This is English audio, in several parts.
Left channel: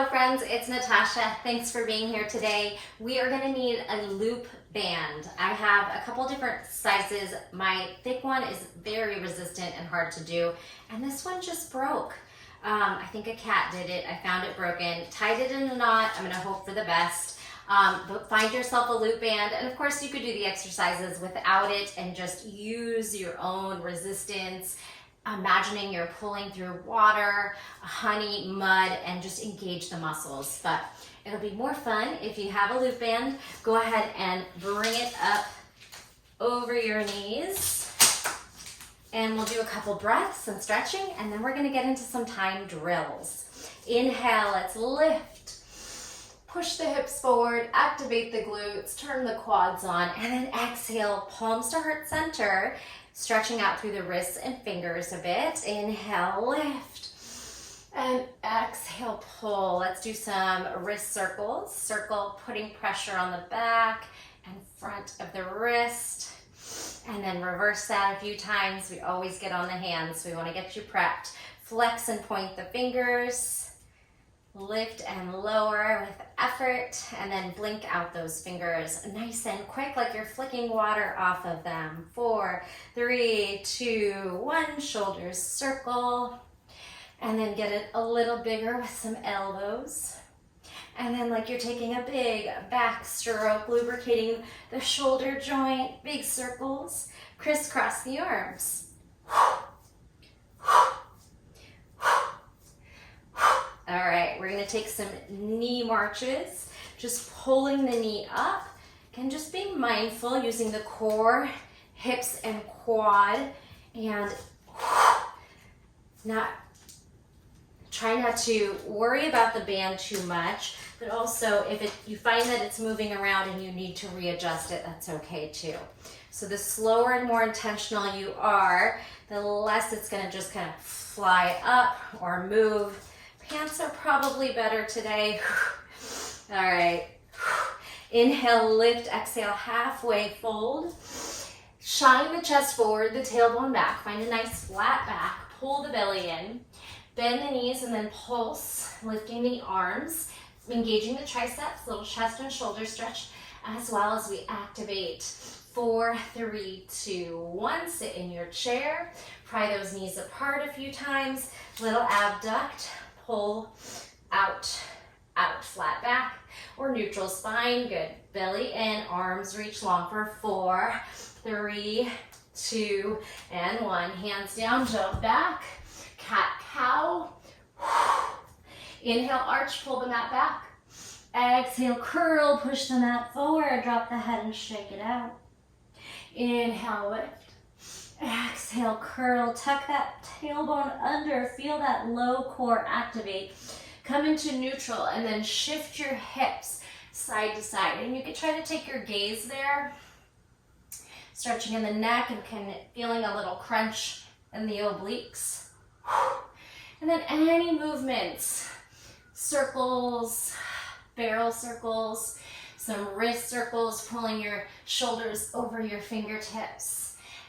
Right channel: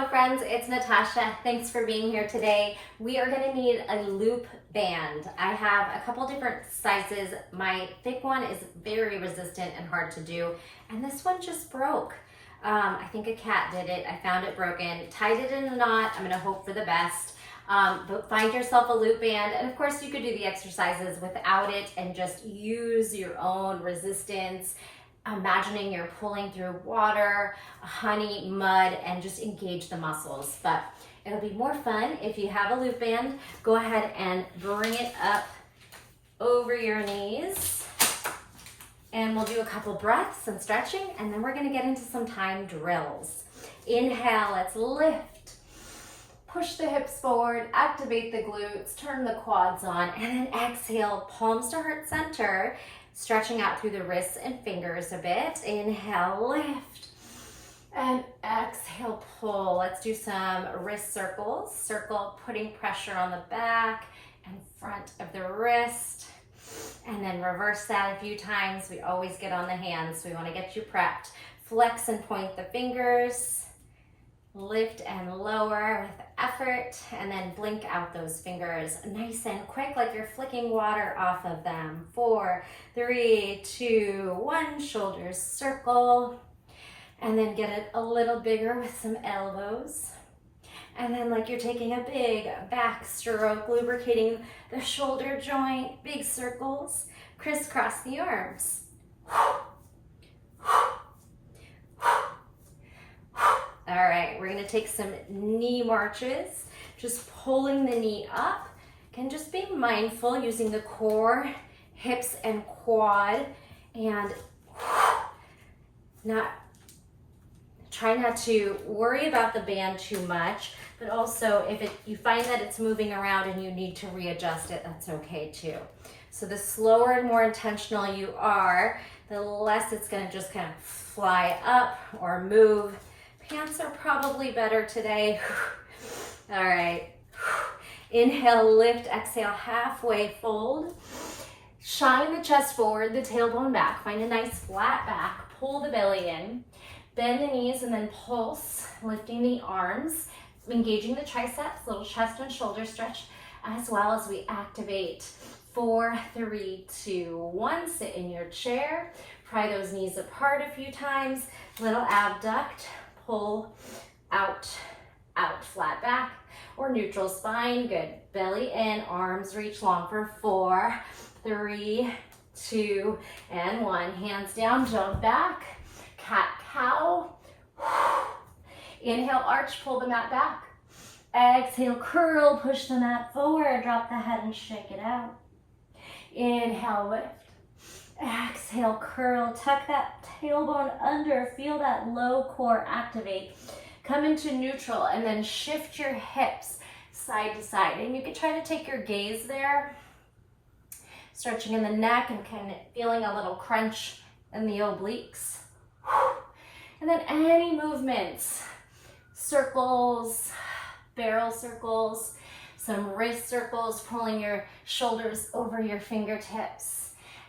Hello friends, it's Natasha. Thanks for being here today. We are going to need a loop band. I have a couple different sizes. My thick one is very resistant and hard to do, and this one just broke. I think a cat did it. I found it broken, tied it in a knot. I'm going to hope for the best. But find yourself a loop band, and of course you could do the exercises without it and just use your own resistance, imagining you're pulling through water, honey, mud, and just engage the muscles. But it'll be more fun if you have a loop band. Go ahead and bring it up over your knees, and we'll do a couple breaths and stretching, and then we're going to get into some time drills. Inhale, let's lift. Push the hips forward, activate the glutes, turn the quads on, and then exhale, palms to heart center, stretching out through the wrists and fingers a bit. Inhale, lift, and exhale, pull. Let's do some wrist circles. Circle, putting pressure on the back and front of the wrist, and then reverse that a few times. We always get on the hands, so we want to get you prepped. Flex and point the fingers. Lift and lower with effort, and then blink out those fingers nice and quick, like you're flicking water off of them. 4, 3, 2, 1, shoulders circle, and then get it a little bigger with some elbows. And then like you're taking a big back stroke, lubricating the shoulder joint, big circles, crisscross the arms. All right, we're gonna take some knee marches, just pulling the knee up. Again, just being mindful, using the core, hips, and quad, and try not to worry about the band too much, but also if you find that it's moving around and you need to readjust it, that's okay too. So the slower and more intentional you are, the less it's gonna just kind of fly up or move. Pants are probably better today. All right. Inhale, lift, exhale, halfway fold. Shine the chest forward, the tailbone back. Find a nice flat back. Pull the belly in. Bend the knees and then pulse, lifting the arms, engaging the triceps, little chest and shoulder stretch, as well as we activate. 4, 3, 2, 1. Sit in your chair. Pry those knees apart a few times. Little abduct. Pull out, out, flat back, or neutral spine. Good. Belly in, arms reach long for 4, 3, 2, and 1. Hands down, jump back. Cat cow. Inhale, arch, pull the mat back. Exhale, curl, push the mat forward, drop the head and shake it out. Inhale, lift. Exhale, curl, tuck that tailbone under, feel that low core activate. Come into neutral and then shift your hips side to side. And you can try to take your gaze there, stretching in the neck and kind of feeling a little crunch in the obliques. And then any movements, circles, barrel circles, some wrist circles, pulling your shoulders over your fingertips.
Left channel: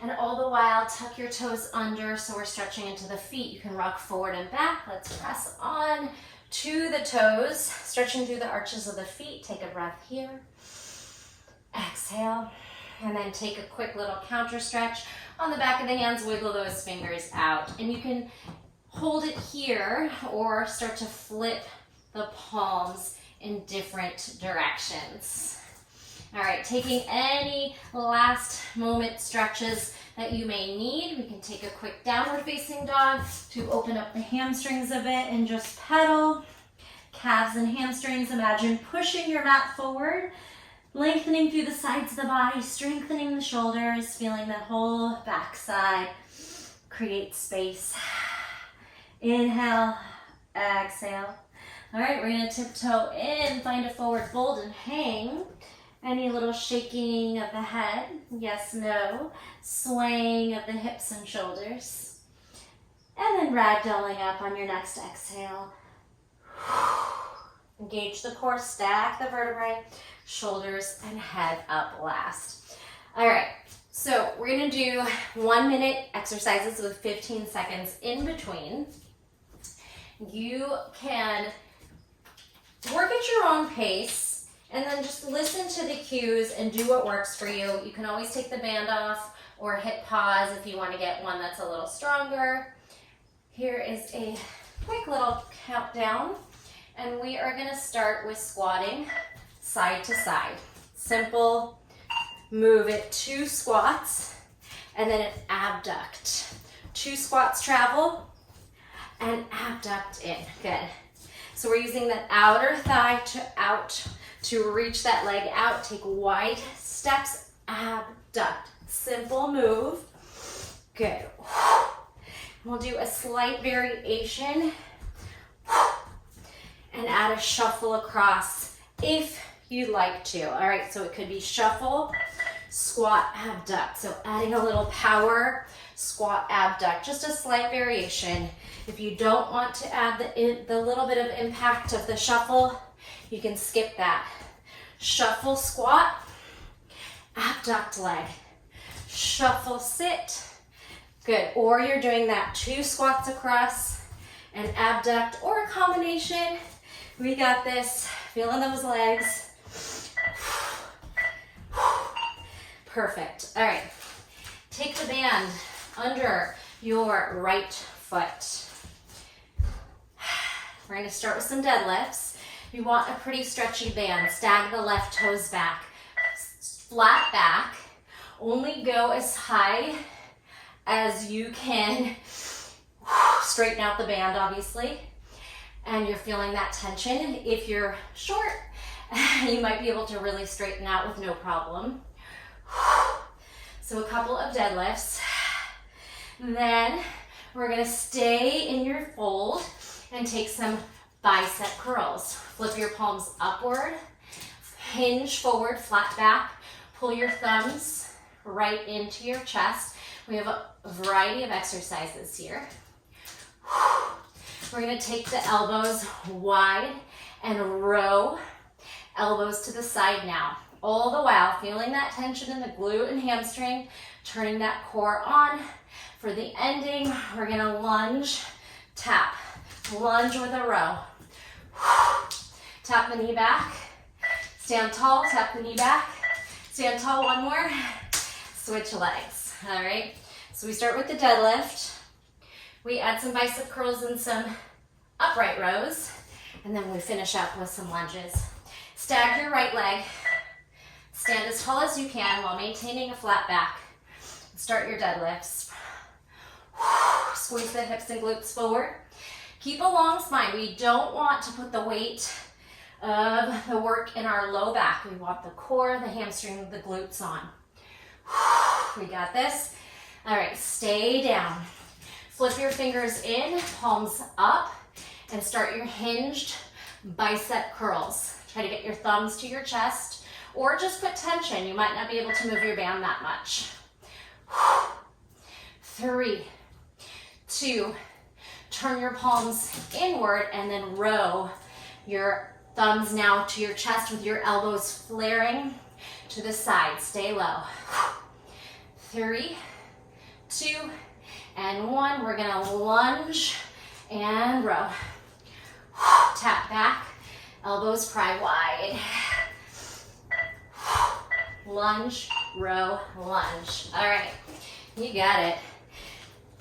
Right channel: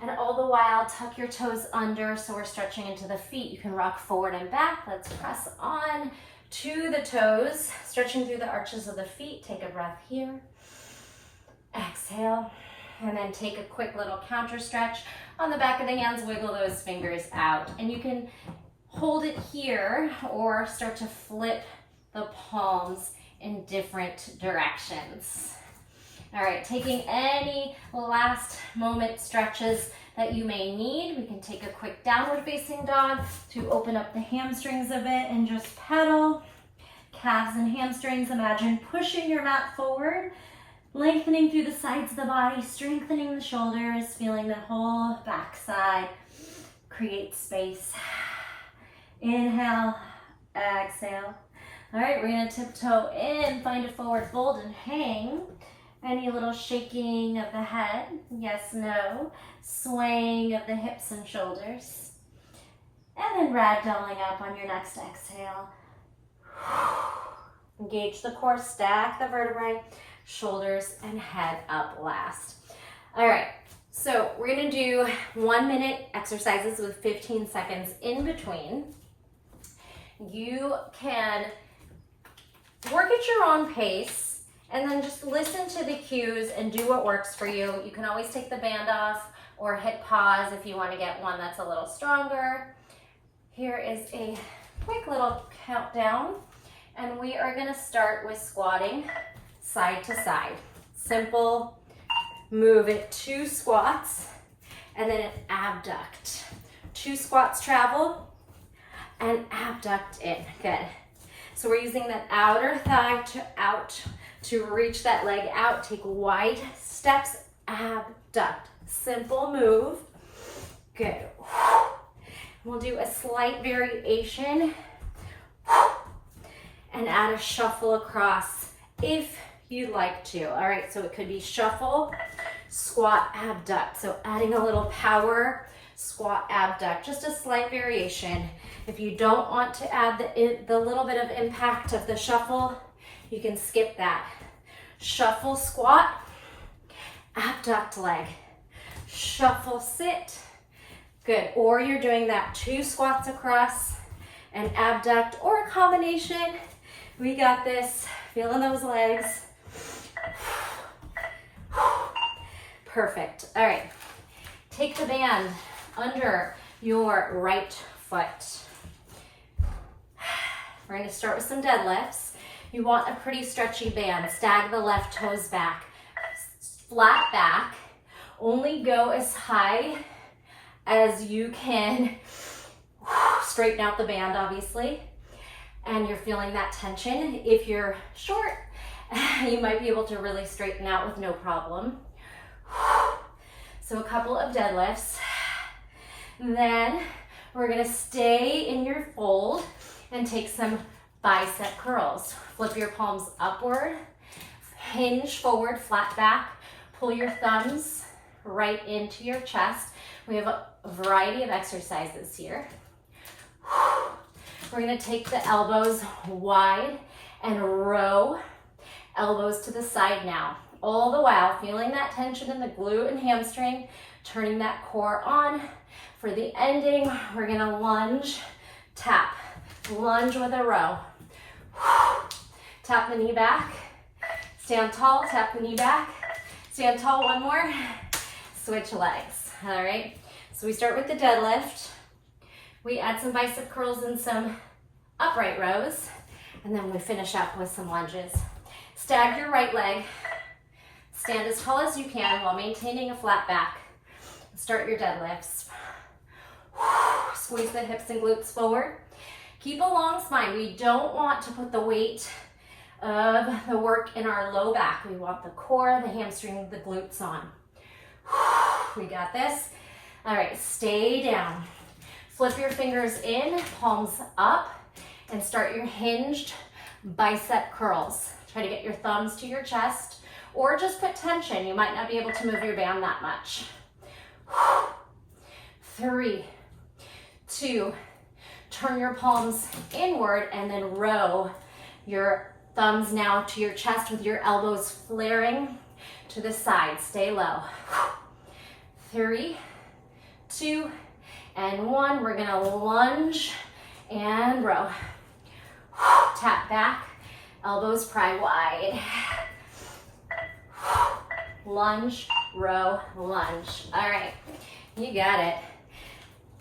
And all the while, tuck your toes under, so we're stretching into the feet. You can rock forward and back. Let's press on to the toes, stretching through the arches of the feet. Take a breath here. Exhale, and then take a quick little counter stretch. On the back of the hands, wiggle those fingers out. And you can hold it here or start to flip the palms in different directions. All right, taking any last moment stretches that you may need. We can take a quick downward facing dog to open up the hamstrings a bit and just pedal. Calves and hamstrings, imagine pushing your mat forward, lengthening through the sides of the body, strengthening the shoulders, feeling the whole backside create space. Inhale, exhale. All right, we're gonna tiptoe in, find a forward fold and hang. Any little shaking of the head, yes, no, swaying of the hips and shoulders. And then ragdolling up on your next exhale. Engage the core, stack the vertebrae, shoulders and head up last. All right, so we're gonna do 1-minute exercises with 15 seconds in between. You can Work at your own pace, and then just listen to the cues and do what works for you. You can always take the band off or hit pause if you want to get one that's a little stronger. Here is a quick little countdown, and we are going to start with squatting side to side. Simple. Move it 2 squats and then an abduct. 2 squats travel and abduct in. Good. So we're using that outer thigh to reach that leg out. Take wide steps, abduct. Simple move. Good. We'll do a slight variation and add a shuffle across if you'd like to. All right, so it could be shuffle, squat, abduct. So adding a little power, squat, abduct, just a slight variation. If you don't want to add the little bit of impact of the shuffle, you can skip that. Shuffle, squat, abduct leg, shuffle, sit. Good, or you're doing that 2 squats across and abduct, or a combination. We got this, feeling those legs. Perfect. All right, take the band under your right foot. We're going to start with some deadlifts. You want a pretty stretchy band. Stag the left toes back. Flat back. Only go as high as you can. Straighten out the band, obviously. And you're feeling that tension. If you're short, you might be able to really straighten out with no problem. So a couple of deadlifts. Then we're gonna stay in your fold and take some bicep curls. Flip your palms upward, hinge forward, flat back, pull your thumbs right into your chest. We have a variety of exercises here. We're gonna take the elbows wide and row elbows to the side now. All the while feeling that tension in the glute and hamstring, turning that core on. For the ending, we're gonna lunge, tap, lunge with a row. Tap the knee back, stand tall, tap the knee back, stand tall, one more, switch legs. All right, so we start with the deadlift. We add some bicep curls and some upright rows, and then we finish up with some lunges. Stag your right leg. Stand as tall as you can while maintaining a flat back. Start your deadlifts. Squeeze the hips and glutes forward. Keep a long spine. We don't want to put the weight of the work in our low back. We want the core, the hamstring, the glutes on. We got this. All right, stay down. Flip your fingers in, palms up, and start your hinged bicep curls. Try to get your thumbs to your chest, or just put tension. You might not be able to move your band that much. 3, 2, turn your palms inward and then row your thumbs now to your chest with your elbows flaring to the side. Stay low. 3, 2, and 1. We're gonna lunge and row. Tap back, elbows pry wide. Lunge, row, lunge. All right, you got it.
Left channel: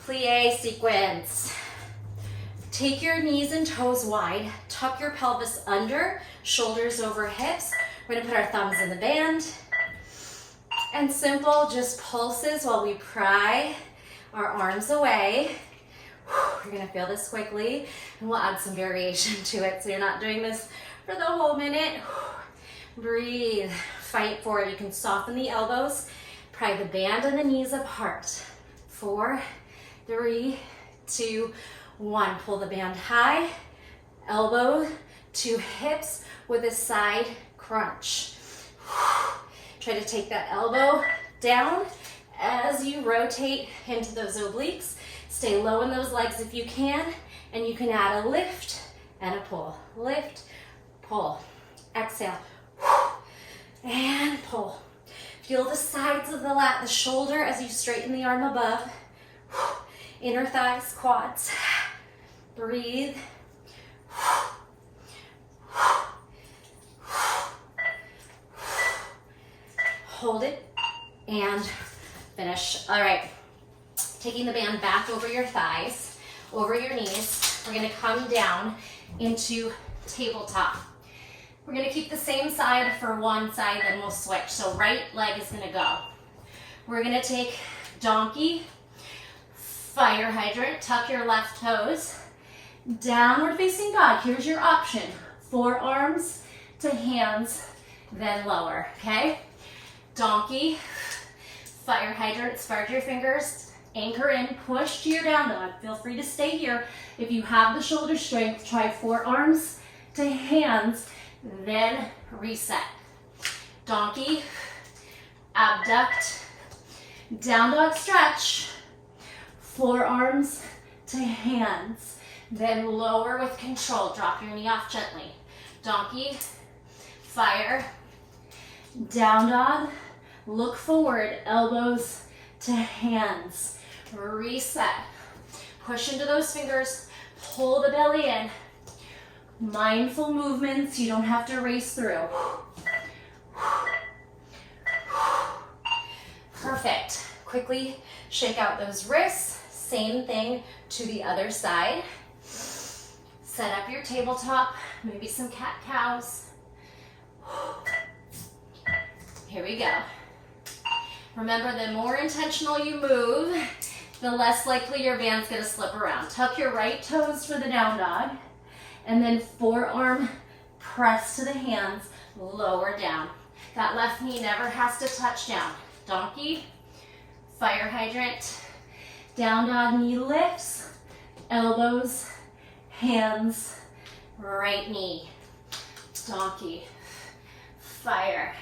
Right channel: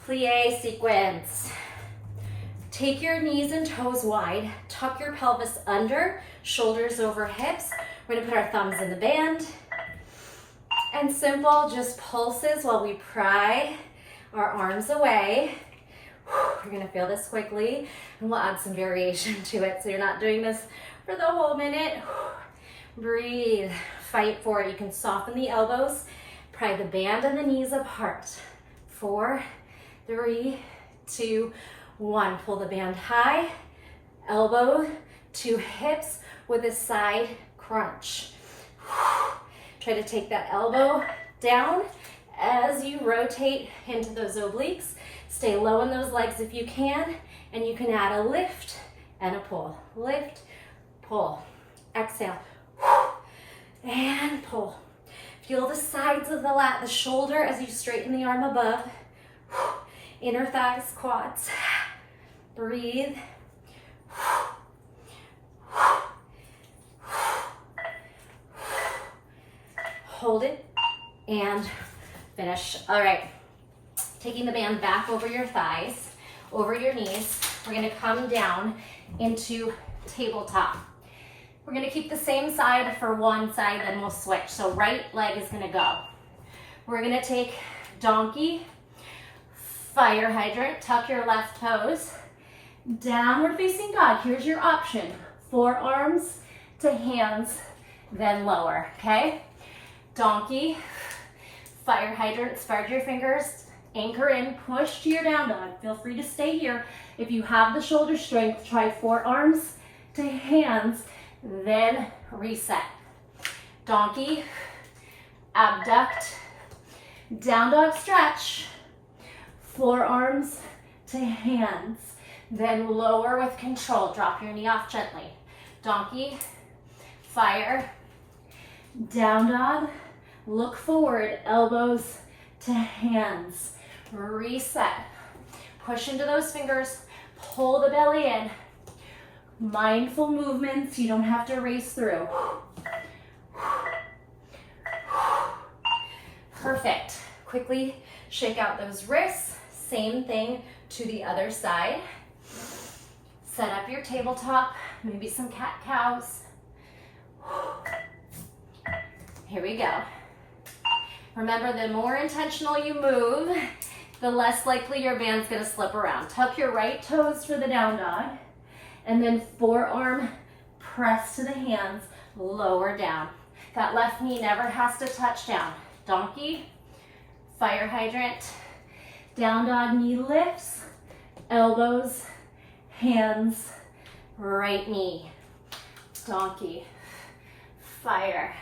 Plie sequence. Take your knees and toes wide, tuck your pelvis under, shoulders over hips. We're gonna put our thumbs in the band. And simple, just pulses while we pry our arms away. You're gonna feel this quickly, and we'll add some variation to it so you're not doing this for the whole minute. Breathe, fight for it. You can soften the elbows, pry the band and the knees apart. 4, 3, 2, 1. Pull the band high, elbow to hips with a side crunch. Try to take that elbow down as you rotate into those obliques. Stay low in those legs if you can, and you can add a lift and a pull. Lift, pull, exhale, and pull. Feel the sides of the lat, the shoulder as you straighten the arm above. Inner thighs, quads. Breathe. hold it, and finish. All right, taking the band back over your thighs, over your knees. We're gonna come down into tabletop. We're gonna keep the same side for one side, then we'll switch. So right leg is gonna go. We're gonna take donkey, fire hydrant, tuck your left toes, downward facing dog. Here's your option. Forearms to hands, then lower, okay? Donkey, fire hydrant, spread your fingers, anchor in, push to your down dog. Feel free to stay here. If you have the shoulder strength, try forearms to hands, then reset. Donkey, abduct, down dog stretch, forearms to hands, then lower with control. Drop your knee off gently. Donkey, fire, down dog, look forward, elbows to hands. Reset. Push into those fingers, pull the belly in. Mindful movements, you don't have to race through. Perfect. Quickly shake out those wrists. Same thing to the other side. Set up your tabletop, maybe some cat-cows. Here we go. Remember, the more intentional you move, the less likely your band's gonna slip around. Tuck your right toes for the down dog, and then forearm press to the hands, lower down. That left knee never has to touch down. Donkey, fire hydrant, down dog, knee lifts, elbows, hands, right knee. Donkey, fire.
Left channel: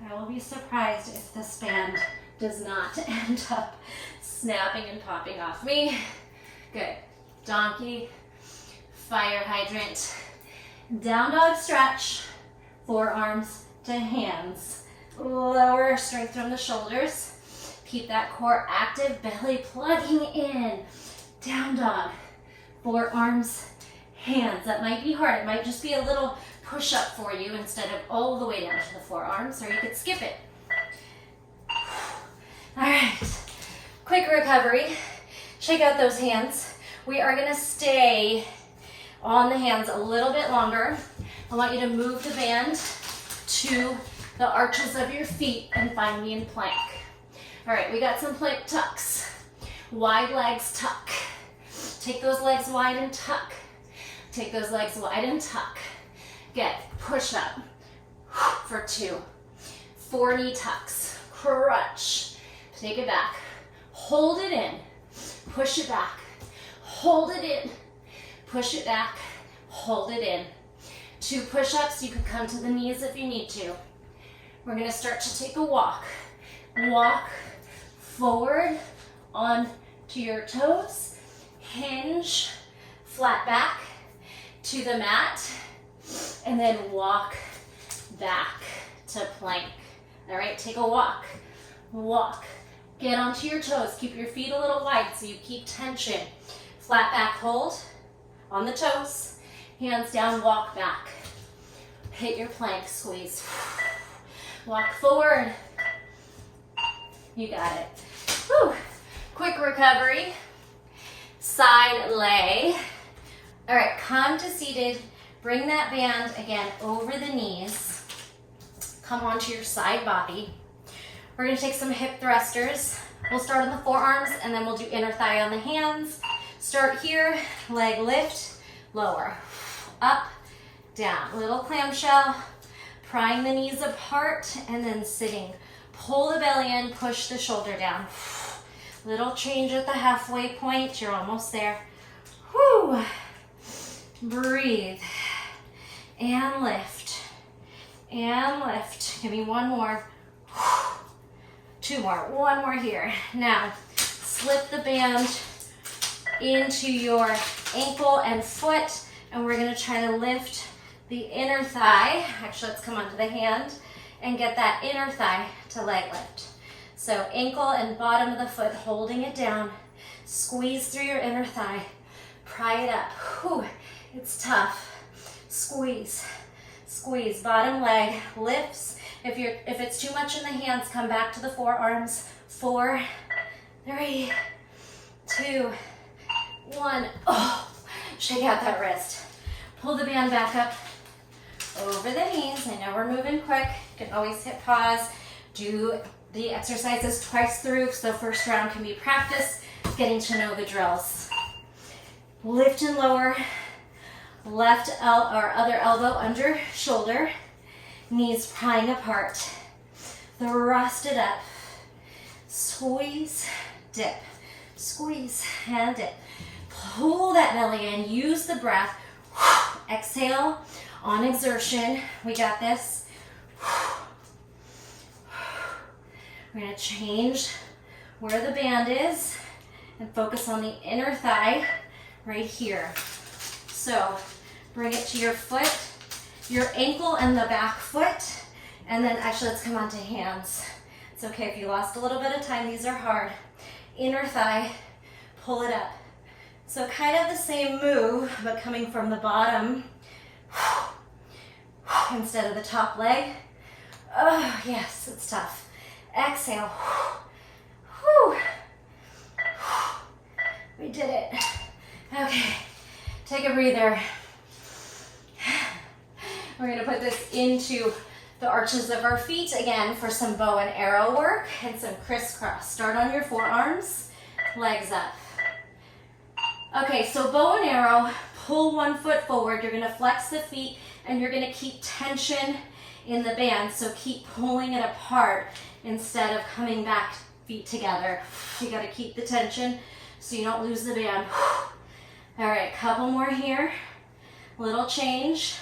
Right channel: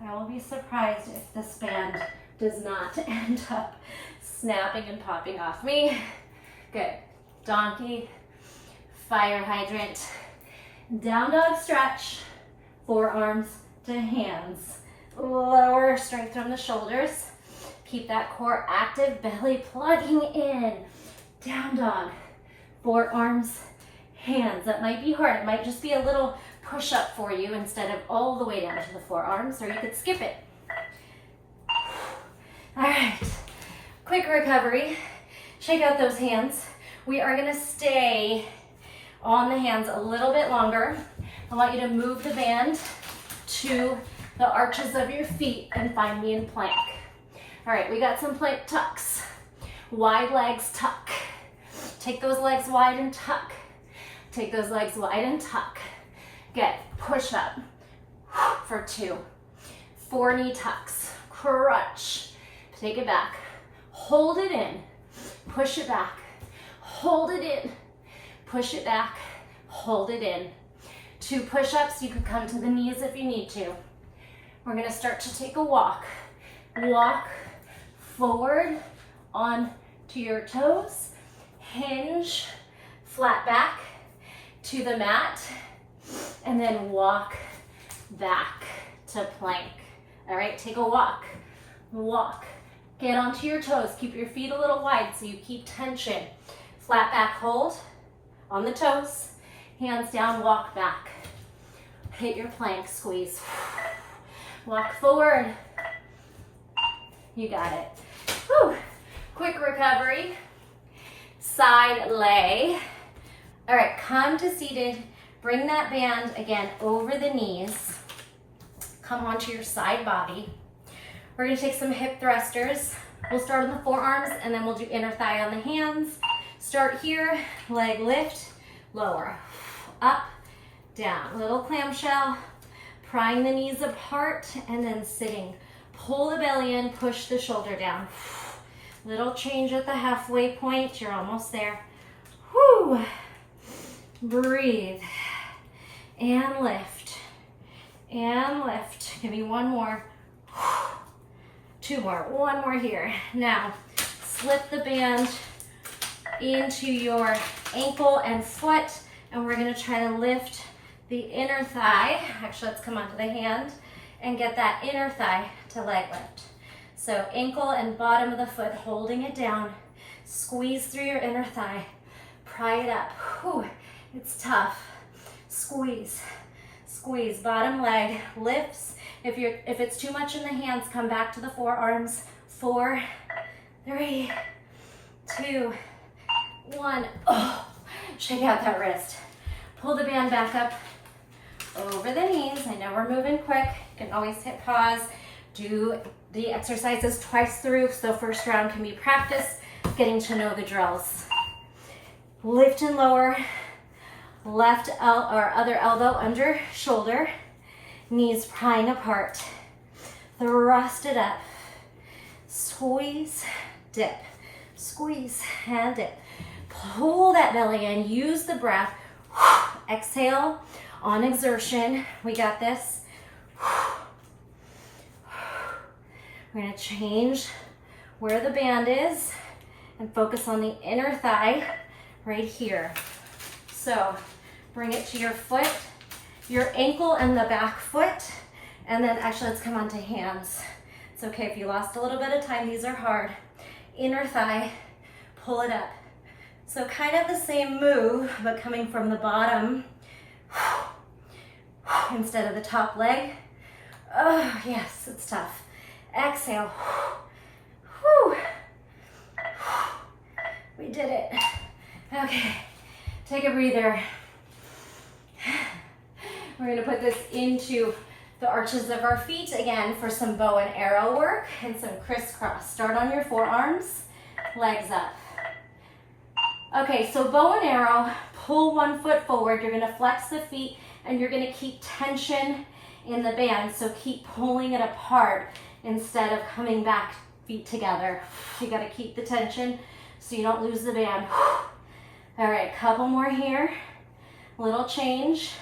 I will be surprised if this band does not end up snapping and popping off me. Good. Donkey, fire hydrant, down dog stretch, forearms to hands. Lower, strength from the shoulders. Keep that core active, belly plugging in. Down dog, forearms, hands. That might be hard. It might just be a little push up for you instead of all the way down to the forearms, or you could skip it. All right, quick recovery. Check out those hands. We are gonna stay on the hands a little bit longer. I want you to move the band to the arches of your feet and find me in plank. All right, we got some plank tucks. Wide legs, tuck. Take those legs wide and tuck. Take those legs wide and tuck. Good, push up for 2. 4 knee tucks, crunch. Take it back, hold it in, push it back, hold it in, push it back, hold it in. 2 push-ups, you could come to the knees if you need to. We're gonna start to take a walk. Walk forward on to your toes, hinge, flat back to the mat, and then walk back to plank. All right, take a walk, walk. Get onto your toes, keep your feet a little wide so you keep tension. Flat back hold on the toes, hands down, walk back. Hit your plank, squeeze. Walk forward. You got it. Whew. Quick recovery. Side lay. All right, come to seated. Bring that band again over the knees. Come onto your side body. We're gonna take some hip thrusters. We'll start on the forearms and then we'll do inner thigh on the hands. Start here, leg lift, lower, up, down. Little clamshell, prying the knees apart and then sitting. Pull the belly in, push the shoulder down. Little change at the halfway point, you're almost there. Whew. Breathe, and lift, and lift. Give me 1 more. 2 more, 1 more here. Now, slip the band into your ankle and foot, and we're gonna try to lift the inner thigh. Actually, let's come onto the hand and get that inner thigh to leg lift. So ankle and bottom of the foot, holding it down. Squeeze through your inner thigh. Pry it up. Whew, it's tough. Squeeze, squeeze. Bottom leg lifts If it's too much in the hands, come back to the forearms. 4, 3, 2, 1. Oh, shake out that wrist. Pull the band back up over the knees. I know we're moving quick. You can always hit pause. Do the exercises twice through, so the first round can be practice, getting to know the drills. Lift and lower. Left or other elbow under shoulder. Knees prying apart. Thrust it up. Squeeze, dip. Squeeze and dip. Pull that belly in. Use the breath. Exhale on exertion. We got this. We're going to change where the band is and focus on the inner thigh right here. So bring it to your foot, your ankle and the back foot, and then actually let's come on to hands. It's okay if you lost a little bit of time, these are hard. Inner thigh, pull it up. So kind of the same move, but coming from the bottom instead of the top leg. Oh yes, it's tough. Exhale. We did it. Okay, take a breather. We're gonna put this into the arches of our feet again for some bow and arrow work and some crisscross. Start on your forearms, legs up. Okay, so bow and arrow, pull one foot forward. You're gonna flex the feet and you're gonna keep tension in the band. So keep pulling it apart instead of coming back feet together. You gotta keep the tension so you don't lose the band. All right, couple more here. Little change.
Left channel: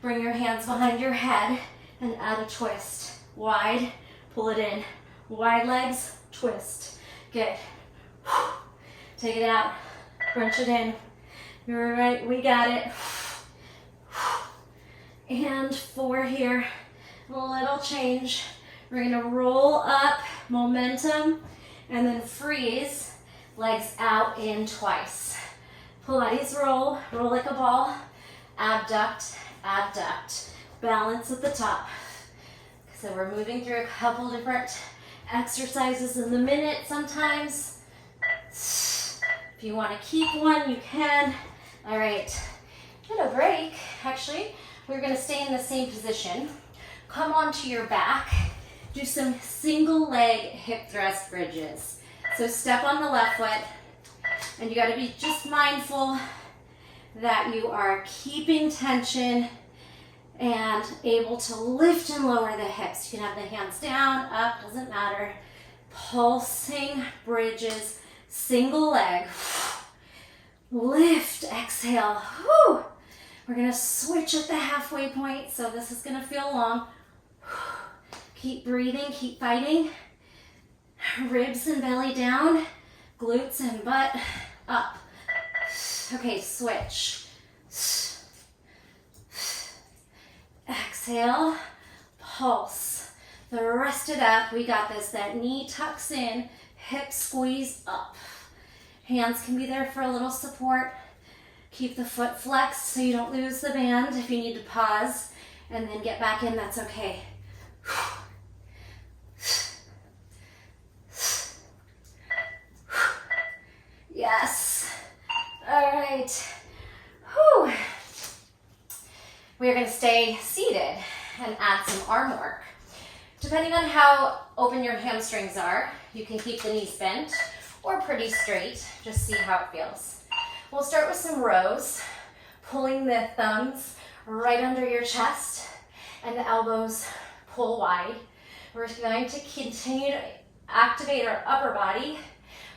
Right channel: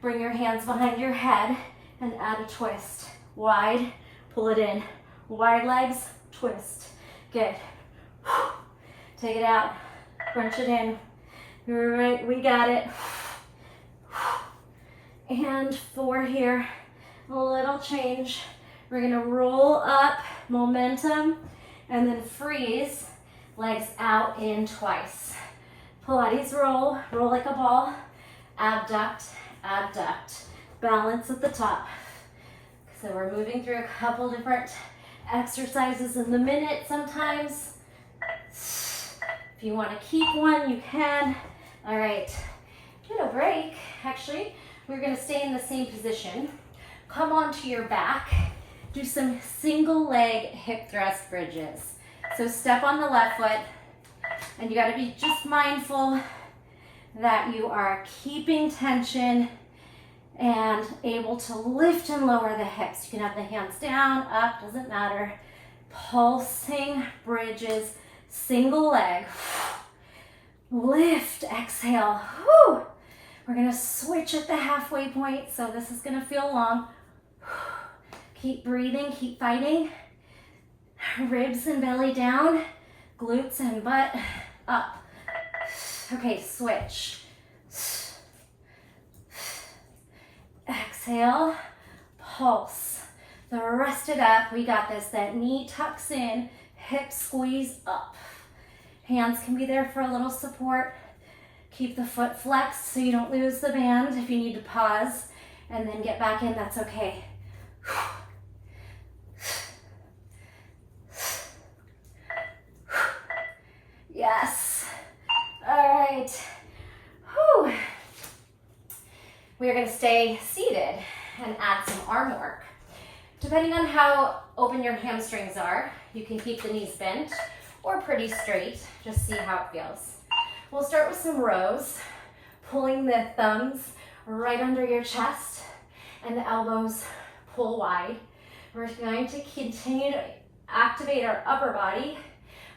Bring your hands behind your head and add a twist. Wide, pull it in. Wide legs, twist. Good. Take it out, crunch it in. You're right, we got it. And 4 here, a little change. We're gonna roll up, momentum, and then freeze, legs out in twice. Pilates roll, roll like a ball, abduct, abduct. Balance at the top. So we're moving through a couple different exercises in the minute sometimes. If you want to keep one, you can. All right, get a break. Actually, we're going to stay in the same position. Come onto your back. Do some single leg hip thrust bridges. So step on the left foot, and you got to be just mindful that you are keeping tension and able to lift and lower the hips. You can have the hands down, up, doesn't matter. Pulsing bridges, single leg. Lift, exhale. Whew. We're gonna switch at the halfway point, so this is gonna feel long. Keep breathing, keep fighting. Ribs and belly down, glutes and butt up. Okay, switch. Exhale, pulse. Thrust it up. We got this. That knee tucks in, hip squeeze up. Hands can be there for a little support. Keep the foot flexed so you don't lose the band. If you need to pause and then get back in, that's okay. Yes. All right. Whew. We are going to stay seated and add some arm work. Depending on how open your hamstrings are, you can keep the knees bent or pretty straight. Just see how it feels. We'll start with some rows, pulling the thumbs right under your chest and the elbows pull wide. We're going to continue to activate our upper body,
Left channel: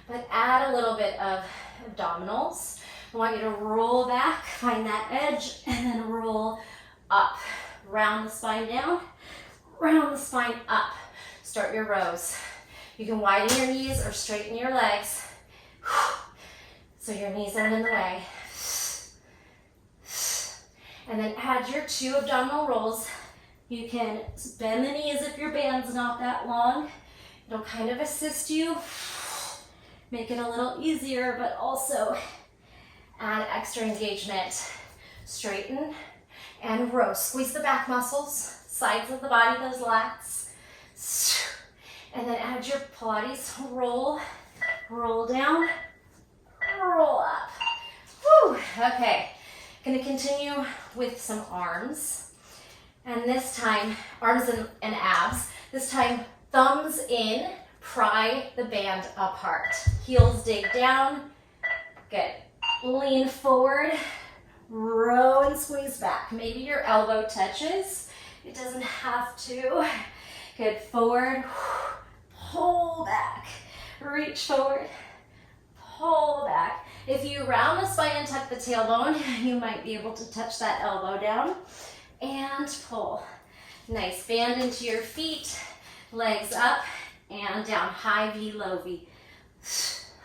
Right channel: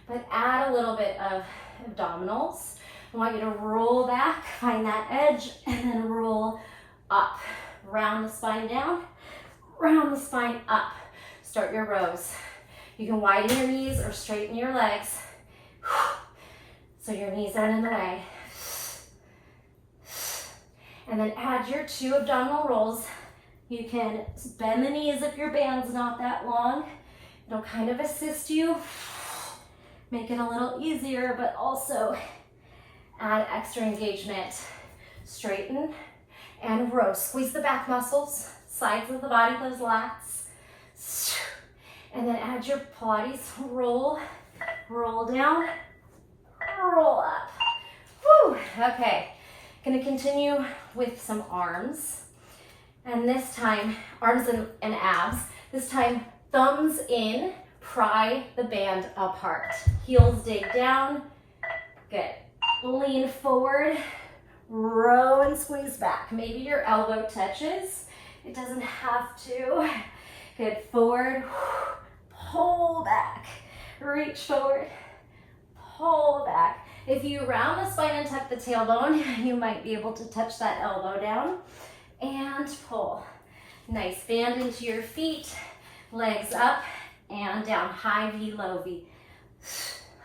but add a little bit of abdominals. I want you to roll back, find that edge, and then roll up. Round the spine down, round the spine up. Start your rows. You can widen your knees or straighten your legs so your knees aren't in the way. And then add your 2 abdominal rolls. You can bend the knees if your band's not that long. It'll kind of assist you, make it a little easier, but also add extra engagement. Straighten and row. Squeeze the back muscles. sides of the body, those lats. And then add your Pilates roll, roll down, roll up. Whew, okay. Gonna continue with some arms. And this time, arms and abs. This time, thumbs in, pry the band apart. Heels dig down. Good. Lean forward, row and squeeze back. Maybe your elbow touches. It doesn't have to. Good. Forward, pull back. Reach forward, pull back. If you round the spine and tuck the tailbone, you might be able to touch that elbow down and pull. Nice. Band into your feet, legs up and down. High V, low V.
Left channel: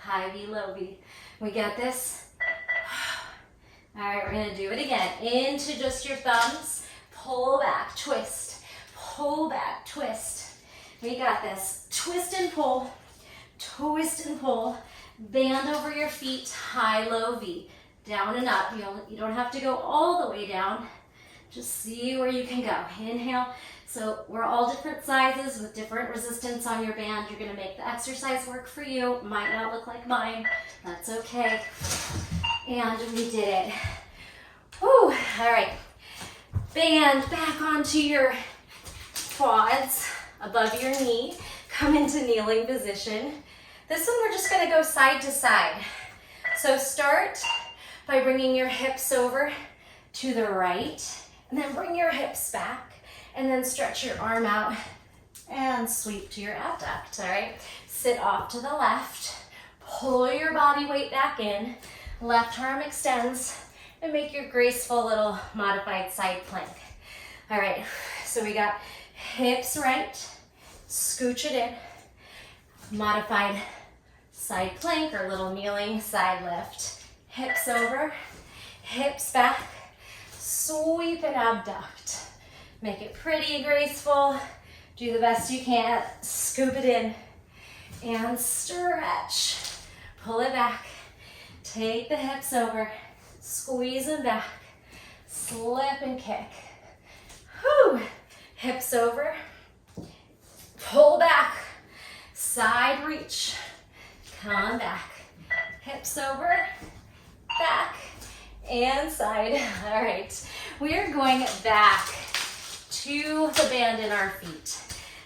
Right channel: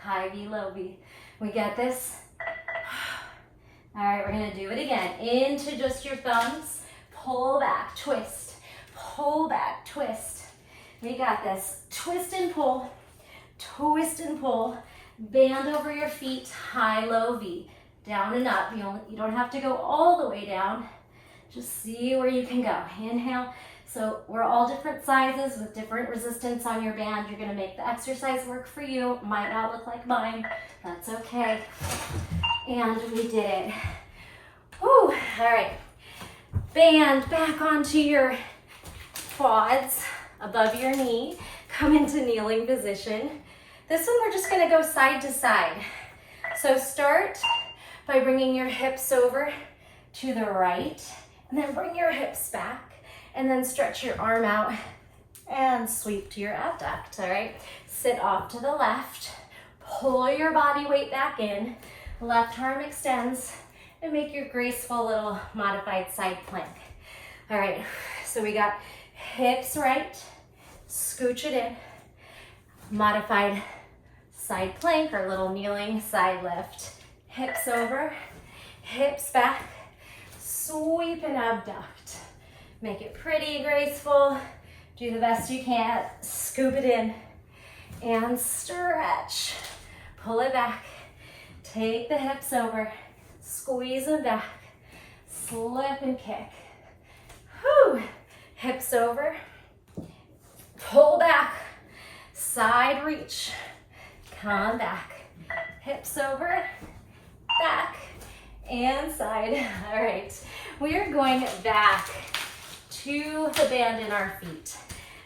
High V, low V. We get this? All right, we're gonna do it again. Into just your thumbs, pull back, twist, pull back, twist. We got this. Twist and pull, twist and pull. Band over your feet, high, low V. Down and up. You don't have to go all the way down. Just see where you can go. Inhale. So we're all different sizes with different resistance on your band. You're gonna make the exercise work for you. Might not look like mine. That's okay. And we did it. Whew. All right. Band back onto your quads above your knee. Come into kneeling position. This one we're just gonna go side to side. So start by bringing your hips over to the right, and then bring your hips back, and then stretch your arm out and sweep to your abduct, all right? Sit off to the left, pull your body weight back in, left arm extends, and make your graceful little modified side plank. All right, so we got hips right, scooch it in, modified side plank or little kneeling side lift. Hips over, hips back, sweep and abduct. Make it pretty graceful. Do the best you can. Scoop it in and stretch. Pull it back. Take the hips over, squeeze them back, slip and kick. Whew. Hips over, pull back, side reach, come back. Hips over, back, and side. All right, we are going back to the band in our feet.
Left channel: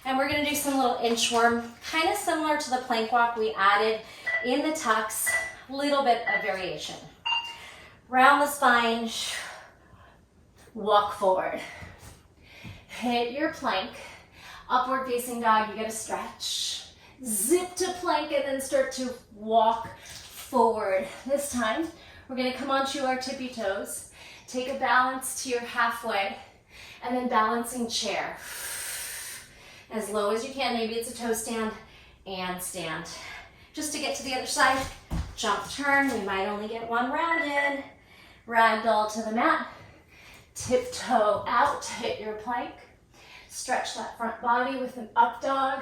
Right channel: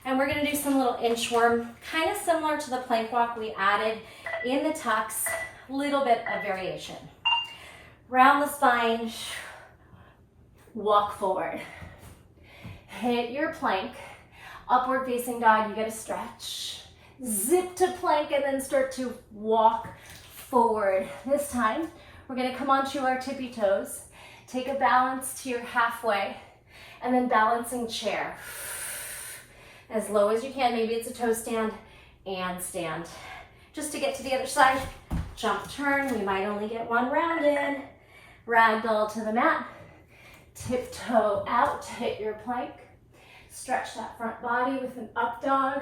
And we're gonna do some little inchworm, kind of similar to the plank walk we added in the tucks, little bit of variation. Round the spine, walk forward. Hit your plank, upward facing dog, you gotta stretch. Zip to plank and then start to walk forward. This time, we're gonna come onto our tippy toes, take a balance to your halfway, and then balancing chair. As low as you can, maybe it's a toe stand, and stand. Just to get to the other side, jump, turn, we might only get one round in. Ragdoll to the mat, tiptoe out, hit your plank. Stretch that front body with an up dog.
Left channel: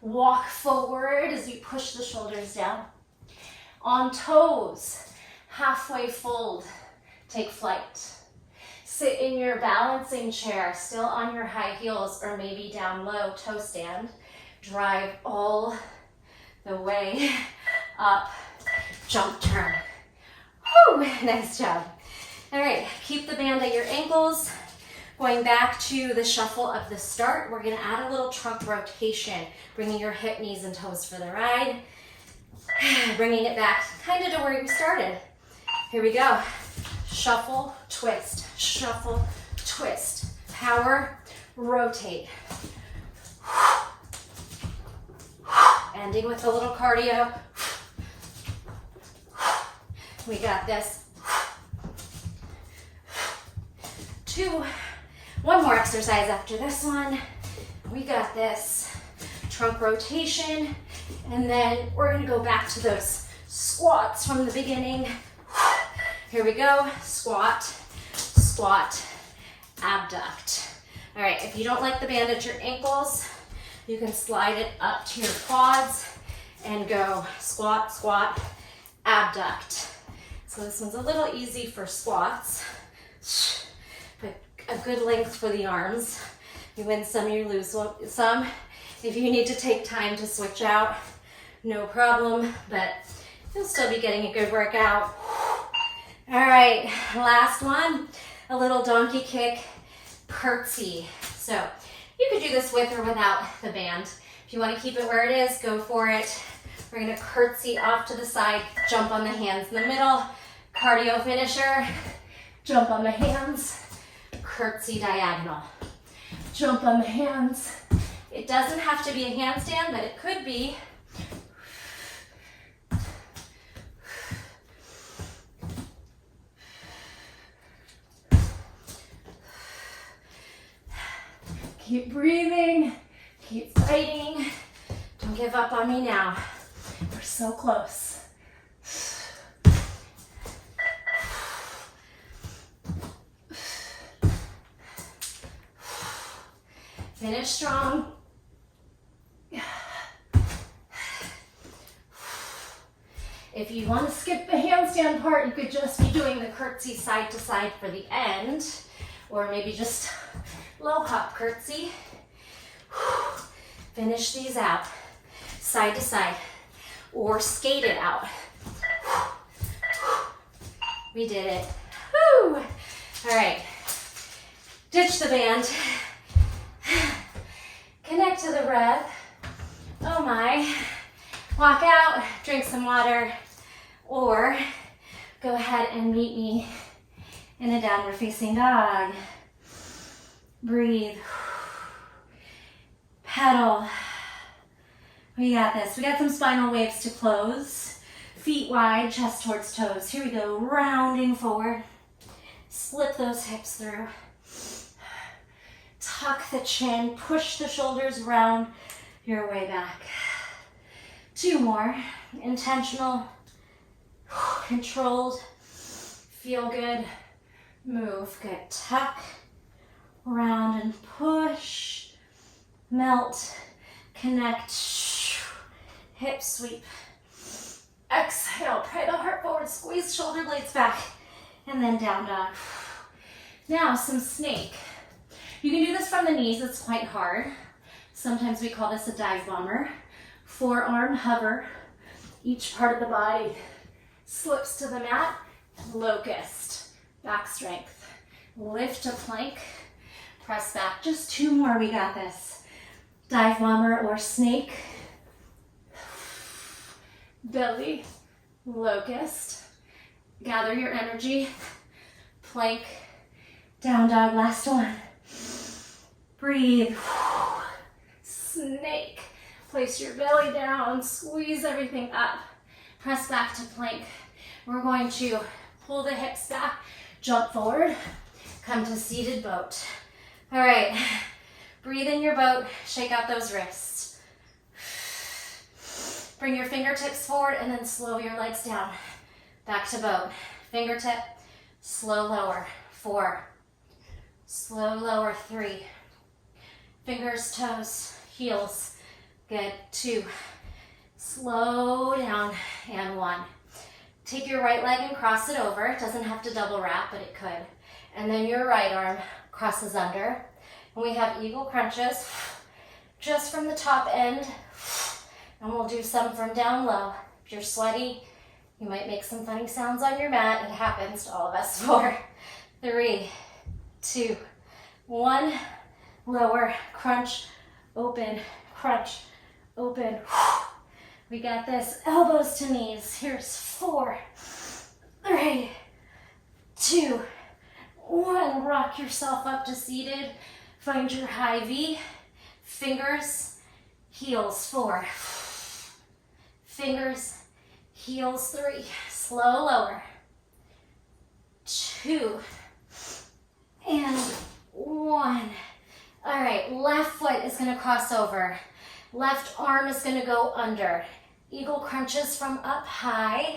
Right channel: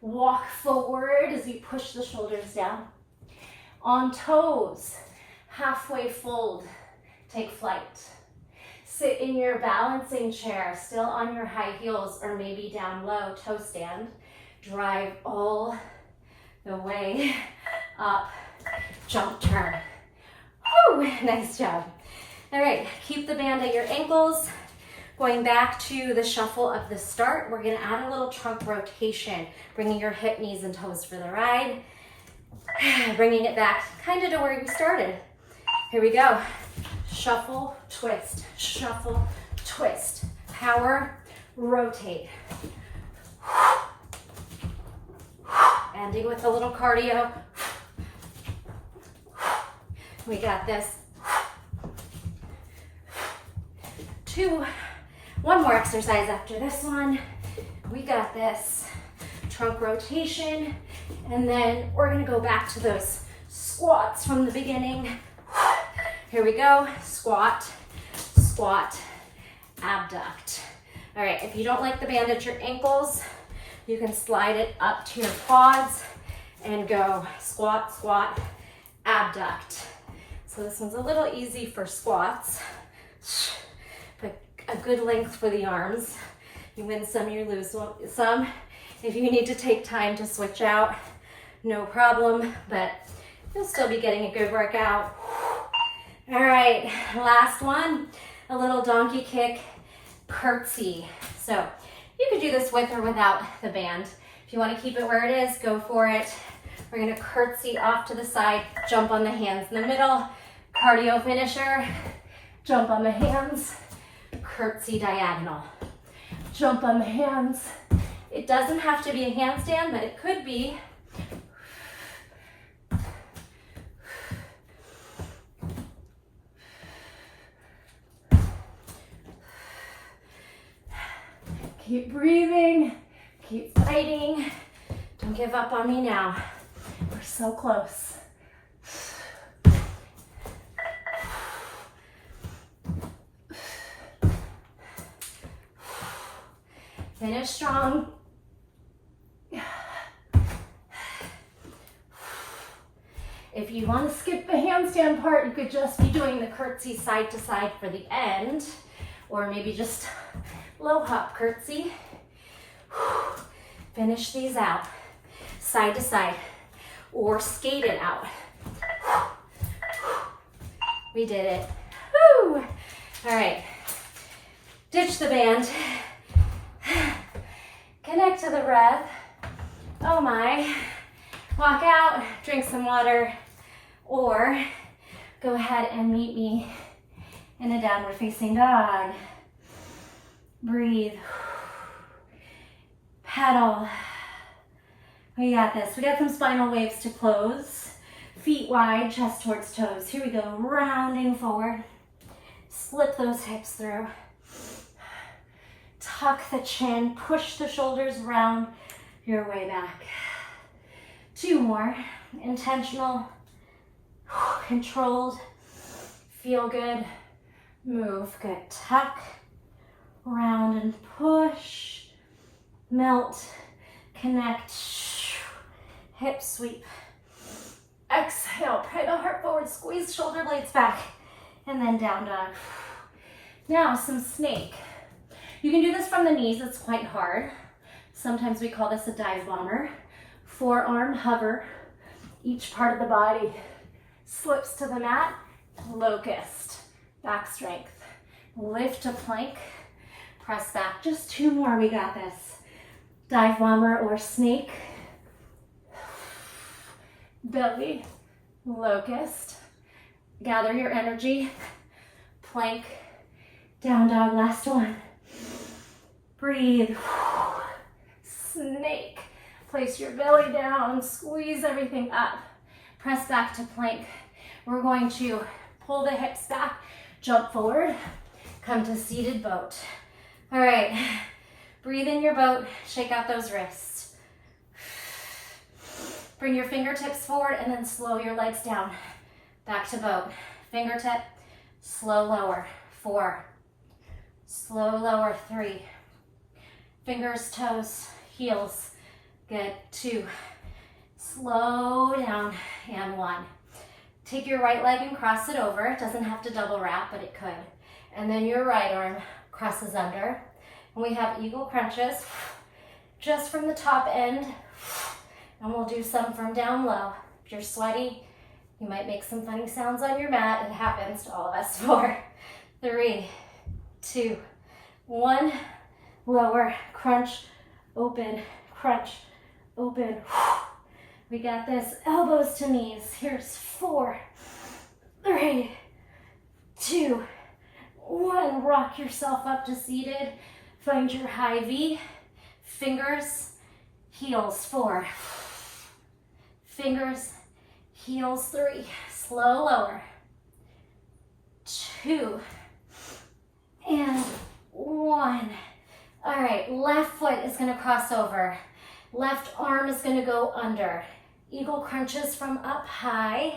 Walk forward as you push the shoulders down. On toes, halfway fold, take flight. Sit in your balancing chair, still on your high heels or maybe down low, toe stand. Drive all the way up, jump, turn. Whew, nice job. All right, keep the band at your ankles. Going back to the shuffle of the start, we're gonna add a little trunk rotation, bringing your hip, knees, and toes for the ride. Bringing it back kind of to where you started. Here we go. Shuffle, twist, shuffle, twist. Power, rotate. Ending with a little cardio. We got this. One more exercise after this one. We got this. Trunk rotation. And then we're gonna go back to those squats from the beginning. Here we go. Squat, squat, abduct. All right, if you don't like the band at your ankles, you can slide it up to your quads and go squat, squat, abduct. So this one's a little easy for squats, but a good length for the arms. You win some, you lose some. If you need to take time to switch out, no problem, but you'll still be getting a good workout. All right, last one, a little donkey kick curtsy. So you could do this with or without the band. If you want to keep it where it is, go for it. We're gonna curtsy off to the side, jump on the hands in the middle, cardio finisher, jump on the hands, curtsy diagonal. Jump on the hands. It doesn't have to be a handstand, but it could be. Keep breathing, keep fighting. Don't give up on me now. We're so close. Finish strong. If you want to skip the handstand part, you could just be doing the curtsy side to side for the end, or maybe just low hop curtsy. Finish these out, side to side, or skate it out. We did it. Woo! All right, ditch the band. Connect to the breath. Oh my. Walk out, drink some water, or go ahead and meet me in a downward facing dog. Breathe. Pedal. We got this. We got some spinal waves to close. Feet wide, chest towards toes. Here we go, rounding forward. Slip those hips through. Tuck the chin, push the shoulders round your way back. 2 more, intentional, controlled, feel good, move, good. Tuck, round and push, melt, connect, hip sweep. Exhale, pray the heart forward, squeeze shoulder blades back, and then down dog. Now some snake. You can do this from the knees, it's quite hard. Sometimes we call this a dive bomber. Forearm hover, each part of the body slips to the mat, locust, back strength. Lift to plank, press back. Just 2 more, we got this. Dive bomber or snake. Belly, locust. Gather your energy, plank, down dog, last one. Breathe. Snake. Place your belly down, squeeze everything up. Press back to plank. We're going to pull the hips back, jump forward, come to seated boat. All right, breathe in your boat, shake out those wrists. Bring your fingertips forward and then slow your legs down. Back to boat. Fingertip, slow lower, 4. Slow lower, 3. Fingers, toes, heels. Good, 2. Slow down, and 1. Take your right leg and cross it over. It doesn't have to double wrap, but it could. And then your right arm crosses under. And we have eagle crunches just from the top end. And we'll do some from down low. If you're sweaty, you might make some funny sounds on your mat. It happens to all of us. 4, 3, 2, 1. Lower, crunch, open, crunch, open. We got this. Elbows to knees. Here's 4, 3, 2, 1. Rock yourself up to seated. Find your high V. Fingers, heels. 4. Fingers, heels. 3. Slow lower. 2 and 1. All right, left foot is gonna cross over. Left arm is gonna go under. Eagle crunches from up high.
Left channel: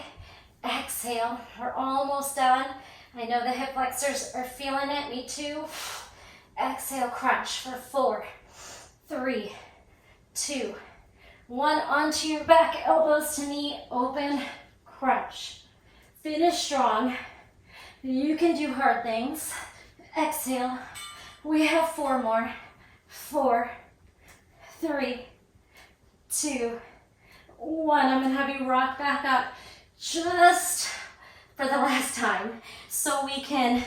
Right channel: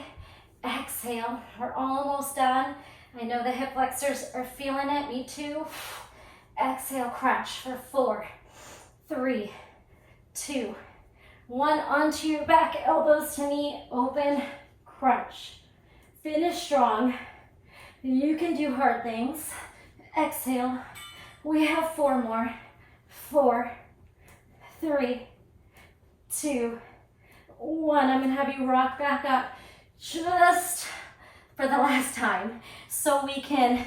Exhale, we're almost done. I know the hip flexors are feeling it, me too. Exhale, crunch for 4, 3, 2, 1. Onto your back, elbows to knee, open, crunch. Finish strong. You can do hard things. Exhale. We have 4 more. 4, 3, 2, 1. I'm gonna have you rock back up just for the last time so we can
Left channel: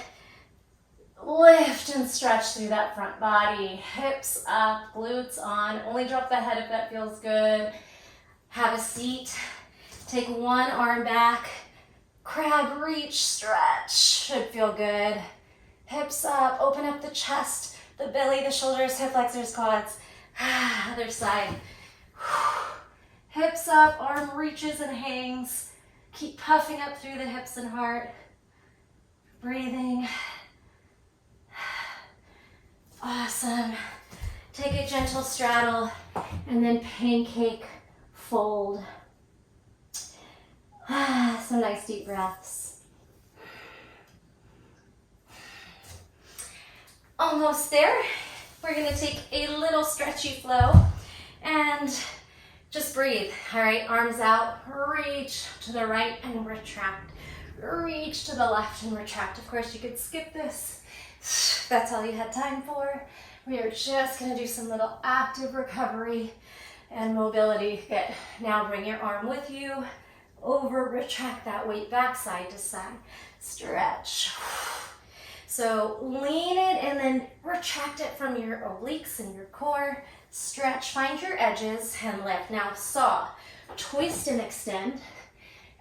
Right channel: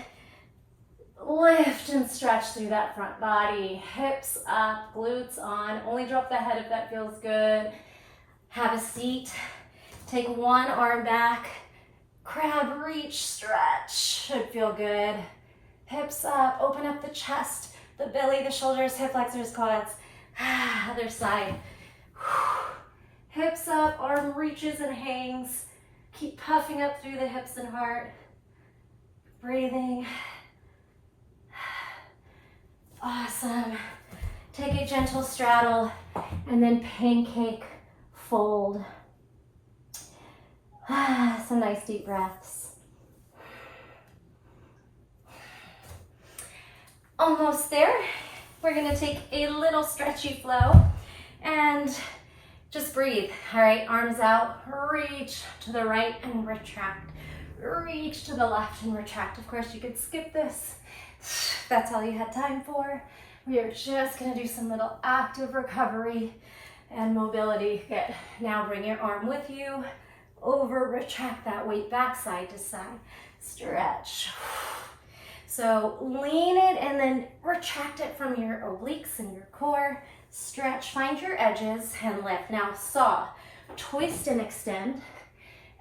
lift and stretch through that front body. Hips up, glutes on. Only drop the head if that feels good. Have a seat. Take one arm back. Crab reach, stretch. Should feel good. Hips up, open up the chest, the belly, the shoulders, hip flexors, quads. Other side. Hips up, arm reaches and hangs. Keep puffing up through the hips and heart. Breathing. Awesome. Take a gentle straddle and then pancake fold. Some nice deep breaths. Almost there. We're gonna take a little stretchy flow and just breathe. All right, arms out, reach to the right and retract. Reach to the left and retract. Of course, you could skip this. That's all you had time for. We are just gonna do some little active recovery and mobility. Good. Now bring your arm with you. Over, retract that weight back side to side. Stretch. So lean it and then retract it from your obliques and your core. Stretch, find your edges and lift. Now saw, twist and extend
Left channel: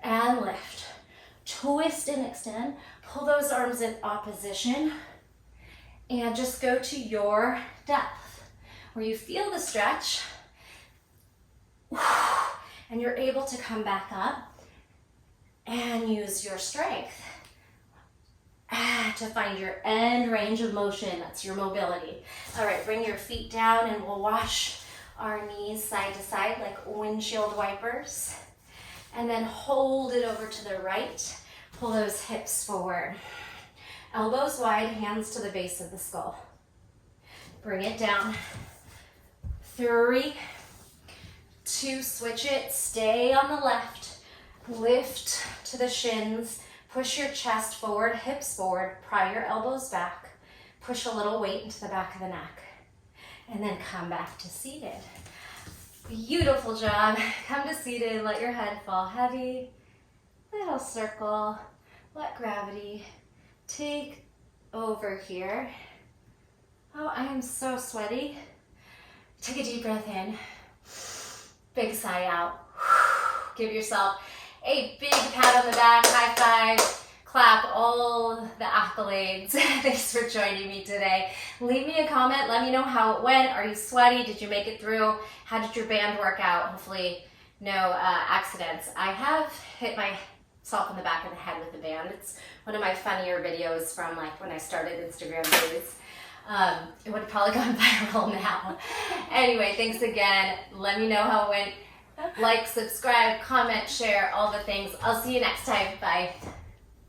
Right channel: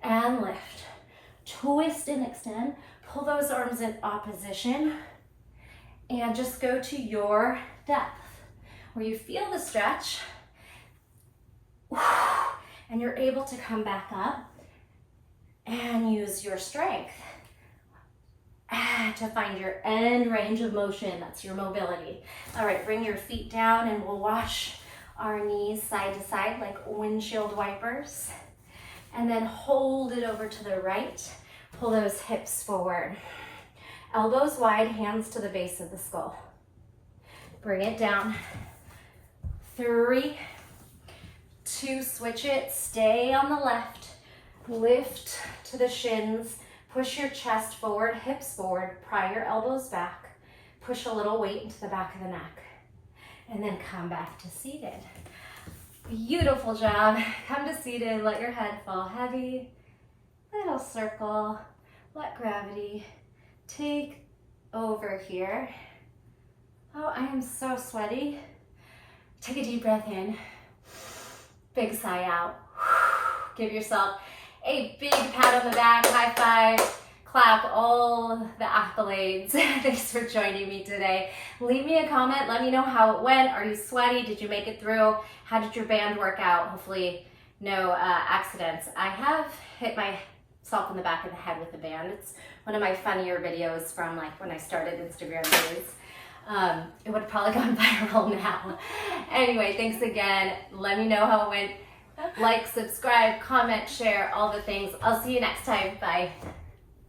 and lift. Twist and extend. Pull those arms in opposition. And just go to your depth where you feel the stretch and you're able to come back up and use your strength to find your end range of motion. That's your mobility. All right, bring your feet down and we'll wash our knees side to side like windshield wipers. And then hold it over to the right. Pull those hips forward. Elbows wide, hands to the base of the skull. Bring it down. 3, 2, switch it. Stay on the left. Lift to the shins. Push your chest forward, hips forward. Pry your elbows back. Push a little weight into the back of the neck. And then come back to seated. Beautiful job. Come to seated. Let your head fall heavy. Little circle. Let gravity take over here. Oh, I am so sweaty. Take a deep breath in. Big sigh out. Give yourself a big pat on the back, high five, clap, all the accolades. Thanks for joining me today. Leave me a comment. Let me know how it went. Are you sweaty? Did you make it through? How did your band work out? Hopefully no accidents. I have hit myself in the back of the head with a band. It's one of my funnier videos from like when I started Instagram days. It would have probably gone viral now. Anyway, thanks again. Let me know how it went. Like, subscribe, comment, share, all the things. I'll see you next time. Bye.